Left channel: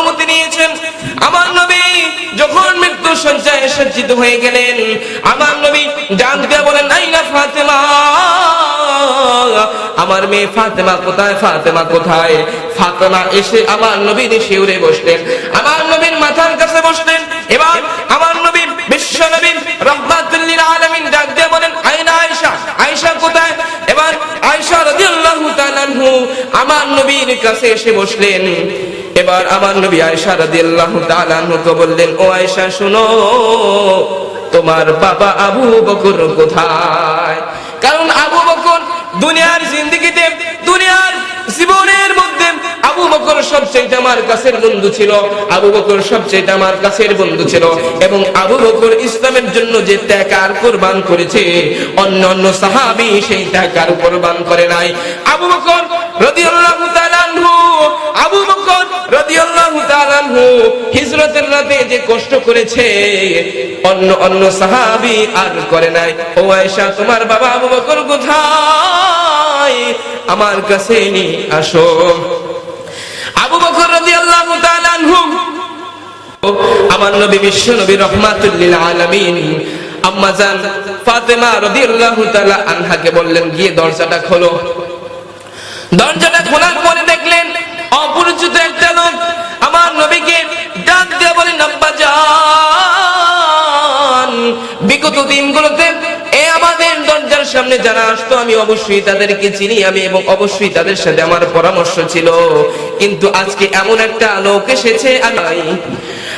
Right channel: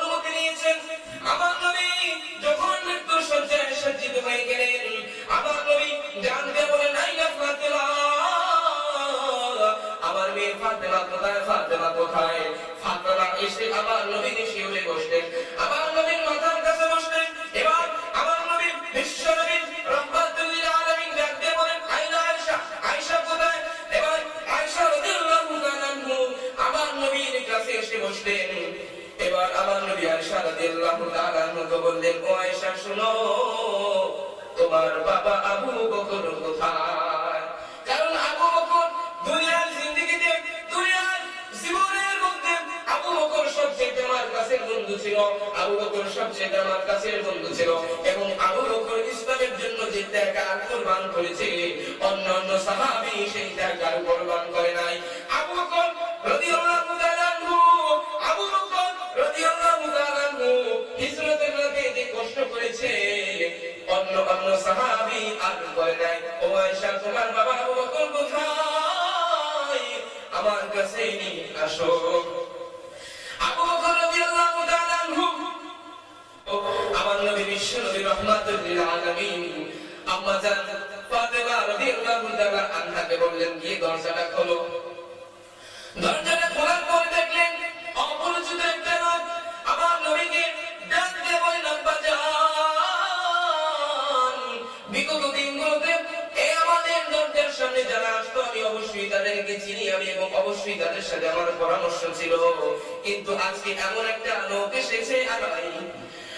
অনুমতি নিয়েছেন। আমার নবী যখন মৃত্যু সজ্জায় সজ্জিত হয়ে গেলেন, আমার নবী ডাক দিয়ে বলেন আইনা ফাতেমা, আমার মেয়ে ফাতেমা কোথায় ফাতেমা কোথায়? ফাতেমা এসে আমার নবীর শিউরে বসলেন। আমার নবীর মাথার কাছে বসলেন। এবার আমার নবী বিশ্ব নবী রহমাতুল্লিল আলামিন ডাক দিয়ে বলেন আইনা আয়েশা আয়েশা কোথায়? এবার আয়েশা রাদিয়াল্লাহু আমার নবীর কাছে এসে বসলেন। এবার আমার নবী আয়েশা রাদিয়াল্লাহু তাআলা আনহুকে বললেন, ও আয়েশা, শুনো, তোমার বাবা আবু বকর কোথায়? কারণ আবু বকর দুনিয়ার জিন্দগিতে বকর সবচেয়ে আমার কাছের বন্ধু ছিল, আবু বকর সবচেয়ে আমার কাছের বন্ধু ছিল এবং আবু বকর ইসলামের জন্য যে ত্যাগ আর কোরবান করেছে, অন্য অন্য সাহাবী সেই ত্যাগ আর কোরবান করে নাই। আবু বকর তাআলা আবু বকর তাআলা হিজরতের রাতে যে কষ্ট করেছে, অন্য অন্য সাহাবী আর করে নাই। ও আয়েশা, তোমার বাবা আবু বকর কোথায়? আমার কাছে নি আসো আবু বকর রাদিয়াল্লাহু তাআলা আনহু আমার নবী বিশ্ব নবী রহমাতুল লিল আলামিন আম্মা জান ফাতেমা তাআলা আনহাকে বললেন, গিয়ে দরজাটা খোলো। দরজাটা খোলার পরে দেখলেন অপরিচিত একটা লোক আমার নবীকে ডাক দিয়ে বলেন আব্বা যান বিগত দিনগুলোতে আমাদের দরজার সামনে যারা আসতো, আমি অবশ্যই তাদেরকে চিনি, আমি এবং অবশ্যই তাদের সাথে আমার পরামর্শ ছিল। কিন্তু আজকে এমন একটা লোক এসেছে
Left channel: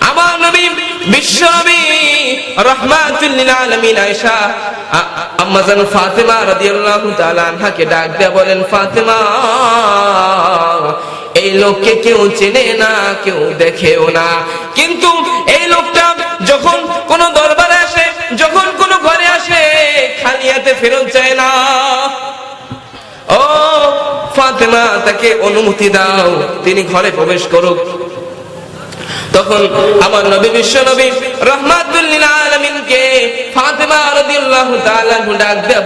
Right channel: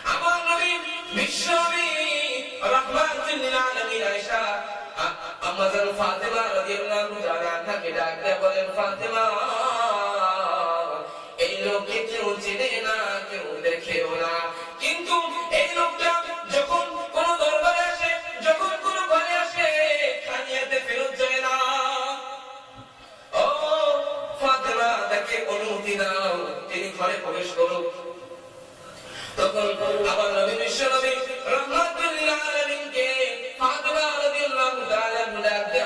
আমার নবী, বিশ্ব নবী রহমাতুল লিল আলামিন আয়েশা, আ- আম্মা জান ফাতেমা রাদিয়াল্লাহু তাআলা ডাক বলেন, ফাতেমা, এই লোককে কেউ চেনে না, কেউ দেখেও না। কিন্তু ফেরত যায় না। ও ফাতেমা, তাকে অনুমতি দাও, তিনি ঘরে প্রবেশ করুক। তখন আমার নবী, বিশ্ব নবী রহমাতুল লিল আলামিনকে ফাতেমা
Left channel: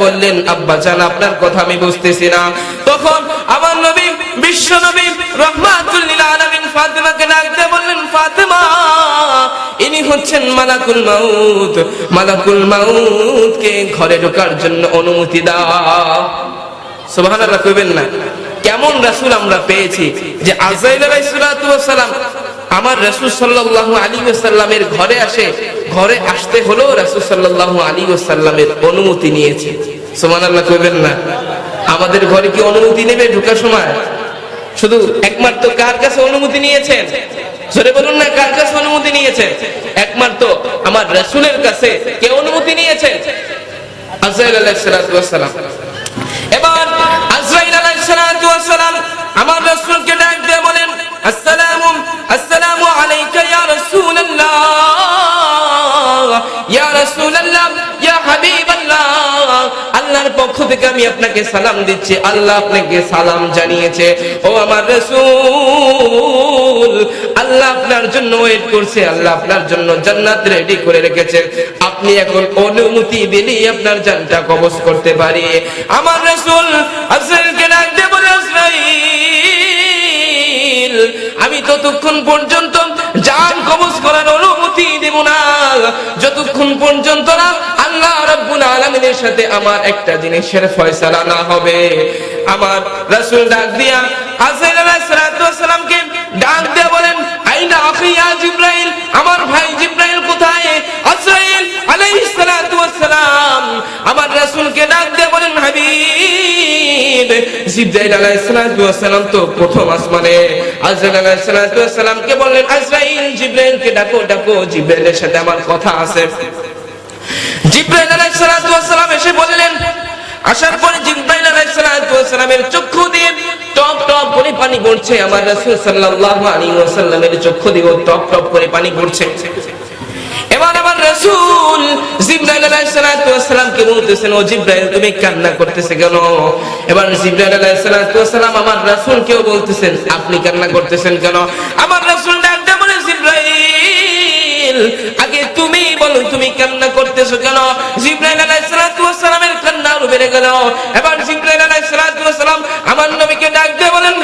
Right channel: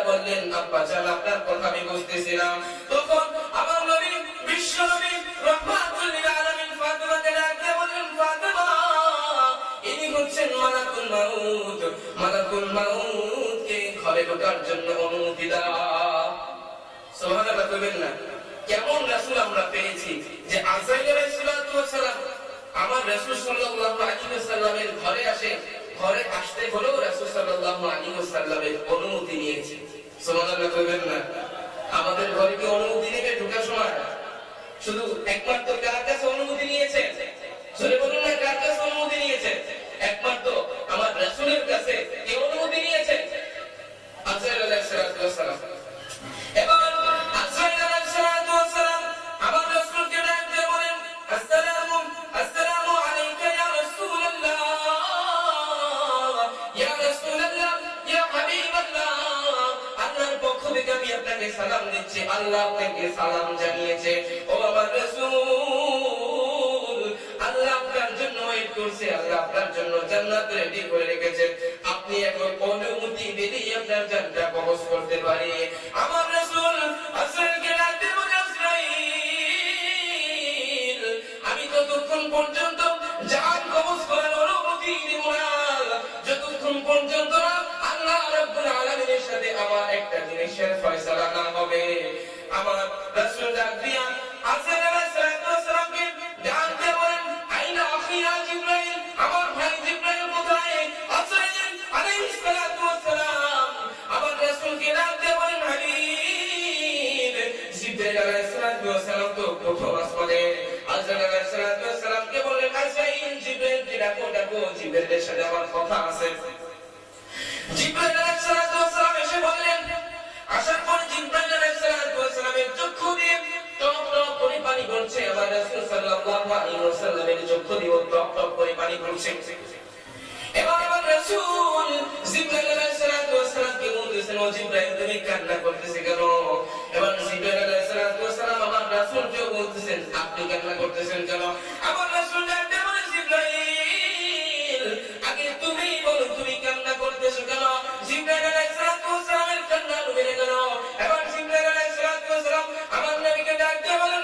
বললেন, আব্বা জান, আপনার কথা আমি বুঝতেছি না। তখন আমার নবী, বিশ্ব নবী রহমাতুল লিল আলামিন ফাতেমাকে ডাক বললেন, ফাতেমা হচ্ছেন মালাকুল মাউত। মালাকুল মাউত কে ঘরে ঢোকার জন্য অনুমতি দাও। সুবহানাল্লাহ কইবেন না। কেমন রাসূল আমরা পেয়েছি যে আজাইল আলাইহিস সালাতু ওয়াস সালাম আমার রাসূল সাল্লাল্লাহু আলাইহি ওয়াসাল্লামের ঘরে আসে, ঘরে আসতে হলো রাসূল সাল্লাল্লাহু আলাইহি ওয়াসাল্লামের অনুমতি নিয়েছে। সুবহানাল্লাহ কইবেন না। আমাদের ঘরে কি অনুমতি নেবে ঢোকার সময়? শুধু একমাত্র কার কাছে অনুমতি নিয়েছেন? জোরে বলুন না, কার কাছে অনুমতি নিয়েছেন একমাত্র আমার কাছে কে অনুমতি এবার আজরাইল আলাইহিস সালাম আমার রাসূলকে ডাক দিয়ে বলেন, আসসালামু আসসালামু আলাইকা ইয়া রাসূলুল্লাহ ইয়া রাসূলুল্লাহ, ইয়া হাবিবাল্লাহ। আল্লাহর পক্ষ থেকে আমি আপনাকে সালাম দিচ্ছি, আল্লাহ আপনাকে সালাম জানিয়েছে। ও আমার রাসূল আপনার জন্য ওয়েট করছে, আল্লাহ আপনার জন্য জান্নাত রেডি করে রেখেছে। আপনি এখন অনুমতি দিলেই আপনার জানটা কবজ করতে পারি। আমার রাসূল ডাক দিয়ে বলে আমি ততক্ষণ পর্যন্ত জান কবজ করার অনুমতি দেব না। যতক্ষণ পর্যন্ত না আল্লাহ রাব্বুল আলামিনের সাথে আমার একটা জিনিসের ফয়সালা না হবে। আমার রাসূল ডাক দিয়া আজরাইল আলাইহিস সালাতু জিবরাইল আলাইহিস সালাতু ওয়াস সালাম তো প্রথম আসমানে। আজরাইল আলাইহিস সালাতু বললেন আজরাইল জিবরাইলকে ডাকো ডাকো, জিবরাইলের সাথে আমার কথা আছে। জিব্রাইল আলাইহিস সালাতু ওয়াস সালাম এসে বললেন, আসার পরে জিব্রাইল আলাইহিস সালাতু ওয়াস সালামের চক্ষু দিয়ে টপ টপ করে পানি পড়ছে। আমার রাসূল সাল্লাল্লাহু আলাইহি ওয়াসাল্লামের চক্ষু দিয়ে টপ টপ করে পানি পড়ছে। এবার আমার রাসূল আপনি কান্না করতেছেন কেন? আমার রাসূল ডাক দিয়ে বলে, জিব্রাইল, আগে তুমি বলো, তুমি কান্না করতেছো কেন? জিব্রাইল কান্না বেড়ে গেল। এবার জিব্রাইল আমার নবীকে ডাক দিয়ে বলেন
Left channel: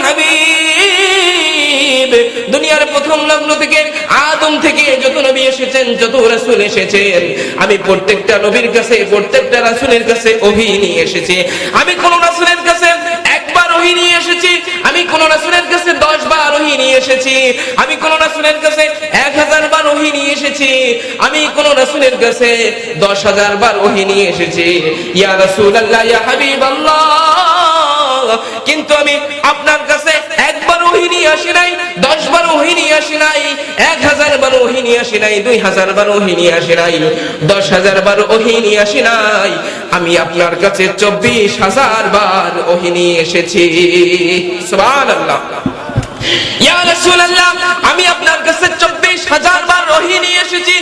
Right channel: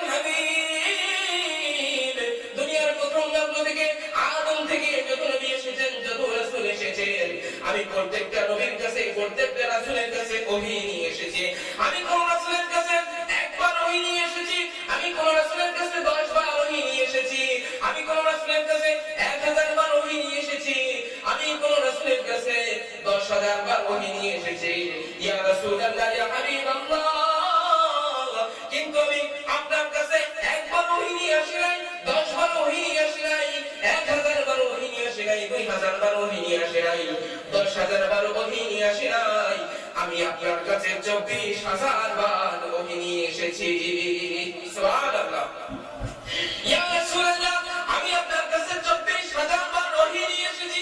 দুনিয়ার প্রথম লগ্ন থেকে আদম থেকে যত নবী এসেছেন, যত রাসূল এসেছেন, আমি প্রত্যেকটা নবীর কাছে, প্রত্যেকটা রাসূলের কাছে ওহী নিয়ে এসেছি। আমি কোন রাসূলের কাছে একবার ওহী নিয়ে এসেছি, আমি কোন রাসূলের কাছে দশ বার ওহী নিয়ে এসেছি, আমি কোন রাসূলের কাছে এক হাজার বার ওহী নিয়ে এসেছি, আমি কোন রাসূলের কাছে দশ হাজার বার ওহী নিয়ে এসেছি। ইয়া রাসূলুল্লাহ, ইয়া হাবিবাল্লাহ, কিন্তু আমি আপনার আমি আপনার কাছে চব্বিশ হাজার বার ওহী নিয়ে এসেছি আমি আপনার কাছে চব্বিশ হাজার বার ওহী নিয়ে এসেছি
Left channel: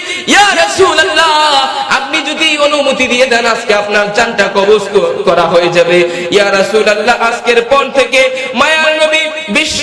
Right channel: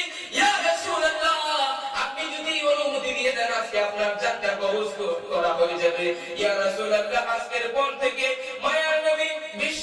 আপনি যদি অনুমতি দিয়ে দেন, আজকে আপনার জানটা কবজ করা হয়ে যাবে। আজকের পর থেকে মায়ার নবী বিশ্ব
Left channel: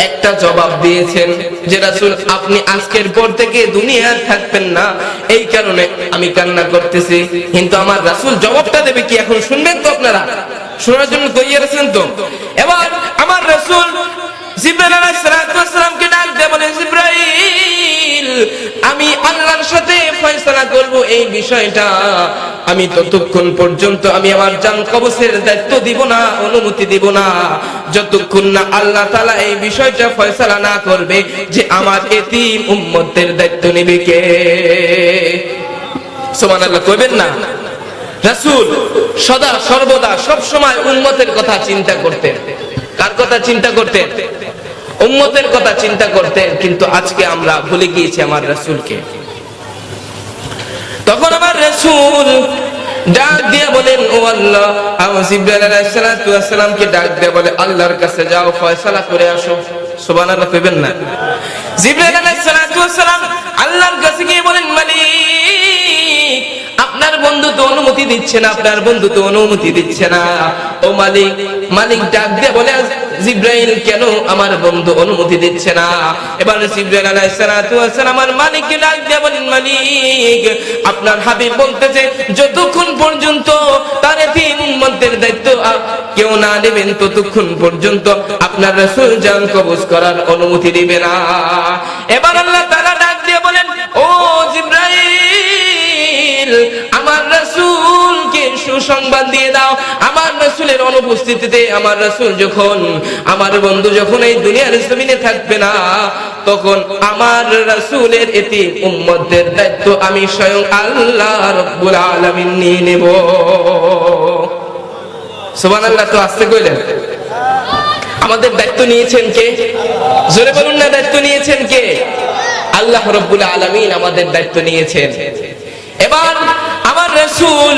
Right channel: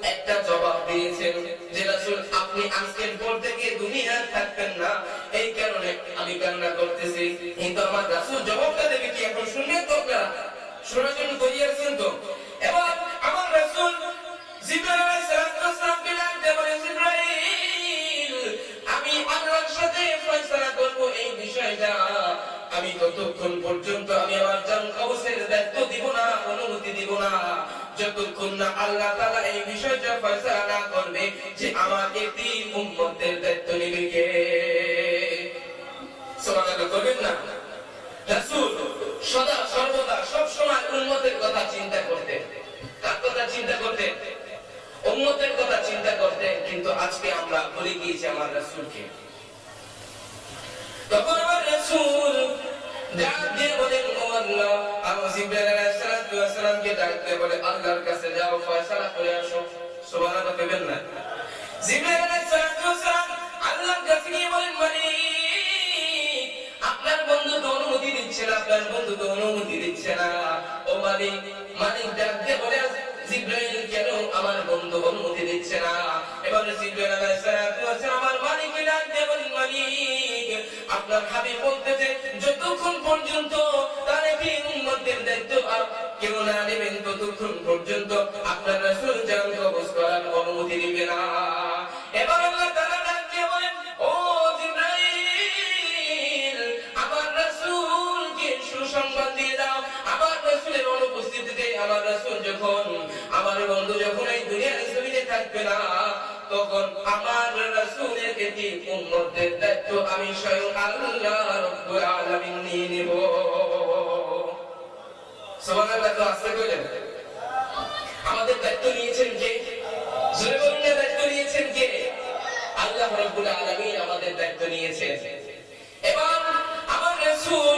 একটা জবাব দিয়েছেন যে, রাসুল, আপনি আজকের পর থেকে দুনিয়ার থাকবেন না। এই কারণে আমি কান্না করতেছি। কিন্তু আমার রাসুল জবাবটা দেবে কি এখন শুনবেন তো আপনারা? শোনার জন্য তৈরি আছেন তো? এবার করব এই বিষয়টা। আমি ততক্ষণ পর্যন্ত আমি আমার জান কবজের দায়িত্ব দিব না, অনুমতি দিব না। যতক্ষণ না আল্লাহ তাআলা এই বিষয়টা ফয়সালা না করবে যে আমার এতিম উম্মতের দায়িত্ব নেবে কে? সুবহানাল্লাহ, কইবেন না? রাসূল সদা সর্বদা সব সময় উম্মতের কথা চিন্তা করতেন। কার কথা চিন্তা করতেন? উম্মতের কথা চিন্তা করতেন, কিন্তু আজকে আমরা ভুলে গিয়েছি আমার রাসূলকে। তখন আমার রাসূল ডাক দিয়ে বলেন, ও আল্লাহ জিবরাইল ডাক দিয়ে বলে, আল্লাহর কাছে যাও, ফয়সালা করে আসো। সুবহানাল্লাহ না। জিবরাইল আল্লাহর কাছে গিয়ে বলেন, মালিক, আপনার বন্ধু তো অনুমতি দিচ্ছে না, আপনার বন্ধু তো অনুমতি দিচ্ছে না। ও মালিক মালিক ডাক দিয়ে বলে জিব্রাইল কেন আমার বন্ধু অনুমতি দিচ্ছে না? এবার জিব্রাইল আলাইহিস সালাতু ওয়াস সালাম আমার মালিককে ডাক দিয়ে মালিক, আপনার হাবিব বলতেছে, যতক্ষণ পর্যন্ত তার তিন উম্মতের দায়িত্ব কেউ না নেবেন, ততক্ষণ পর্যন্ত আপনার রাসূল জান কবজ করার অনুমতি দিবে না। এবার আল্লাহ তাআলা সুসংবাদ দিয়ে দাও। আমার রাসূলের অনুপস্থিতিতে আমার রাসূল যখন, আমার বন্ধু যখন এই দুনিয়ার জমিনে থাকবে না, তখন আমার রাসূলের এটি উম্মতদের দায়িত্ব। আমি স্বয়ং আল্লাহ রাব্বুল আলামিন নিয়ে নেব। সুবহানাল্লাহ, তো আসতে কইলেন? আমাদের দায়িত্ব নিয়েছেন কে? জোরে বলুন না, দায়িত্ব নিয়েছেন কে? আল্লাহ রব্বুল আলামিন আমাদের দায়িত্ব নিয়েছেন। এবার আমার রাসূল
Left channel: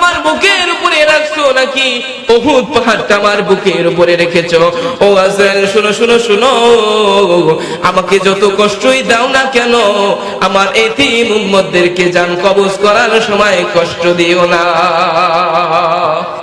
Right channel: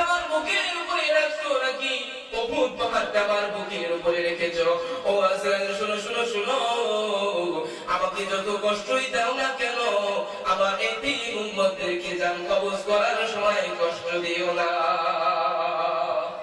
নাকি? বহুত পাহাড়টা আমার বুকের উপরে রেখেছ। ও আজরাইল, শুনো শুনো শুনো। আমাকে যত কষ্টই দাও না কেন, আমার এতিম উম্মতদেরকে জান কবজ করার সময় কষ্ট দিও না।